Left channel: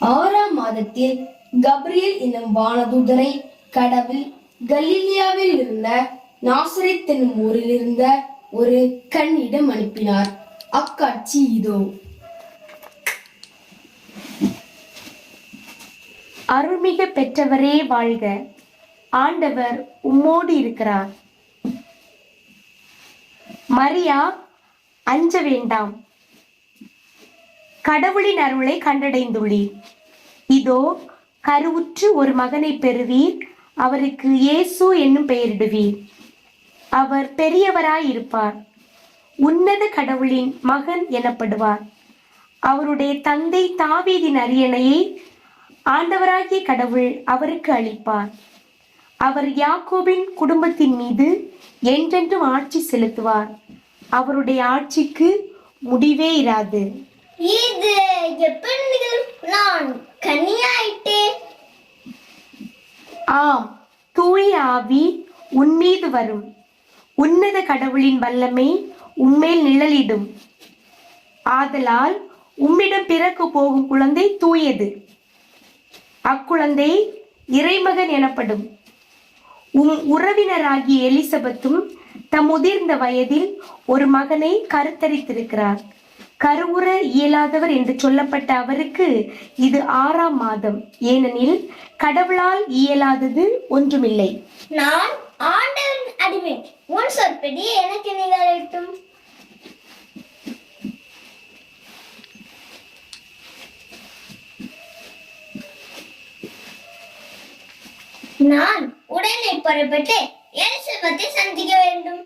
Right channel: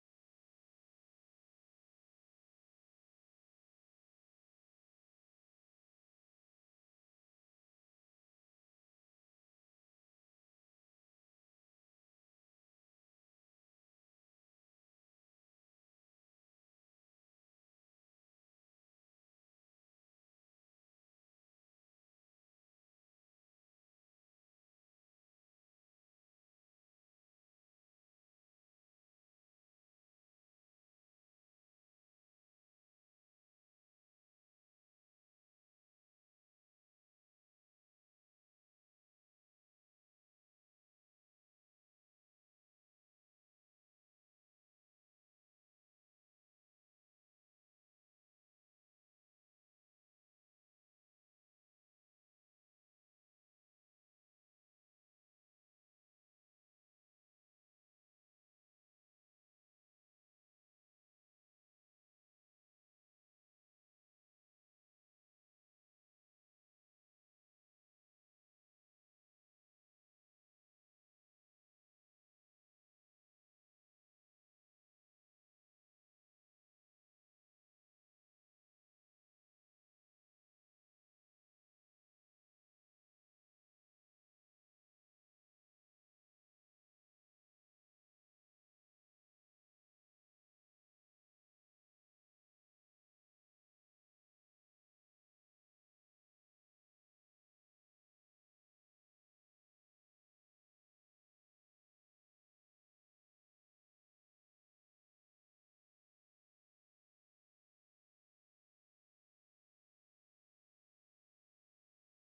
6ஆம் மாதத்தில் கப்ரியேல் என்னும் வானதூதனை கடவுள் கலிலியாவில் இருந்த நாசரேத் என்னும் ஊரில் இருந்த ஒரு கன்னியிடம் அனுப்பினார். அக்காட்சி இதோ. அருள்மிக பெற்றவரே வாழ்க, ஆண்டவர் உம்மோடு இருக்கிறார். மரியா, அஞ்ச வேண்டாம், கடவுளின் அருளை கண்டடைந்துள்ளீர். இதோ கருவுற்று ஒரு மகனை பெறுவீர், அவருக்கு இயேசு என்னும் பெயரிடுவீர். அவர் பெரியவராயிருப்பார், உன்னத கடவுளின் மகன் எனப்படுவார். அவருடைய தந்தை தாவீதின் அரியணையை ஆண்டவராகிய கடவுள் அவருக்கு அளிப்பார். அவர் யாக்கோபின் குடும்பத்தின் மீது என்றென்றும் ஆட்சி செலுத்துவார். அவருடைய ஆட்சிக்கு முடிவே இராது. இது எப்படி நான் கன்னியாயிட்டேன்? ஆம், தூய ஆவி உன்மீது வரும், உன்னத கடவுளின் வல்லமை உம்மேல் நிழலிடும். ஆதலால் உம்மிடம் பிறக்க போகும் குழந்தை தூயது. அக்குழந்தை இறைமகன் எனப்படும். உறவினராகிய எலிசபெத்தும் தம் முதிர்ந்த வயதில் ஒரு மகனை கருத்தரித்திருக்கிறார். கருவுற இயலாதவர் என்று சொல்லப்பட்ட அவருக்கு இது 6ஆம் மாதம், ஏனெனில் கடவுளால் இயலாதது ஒன்றுமில்லை. நான் ஆண்டவரின் அடிமை, உன் சொற்படி எனக்கு நிகழட்டும். நான் உடனே புறப்பட்டு எலிசபெத்தை சந்திக்க வேண்டும்.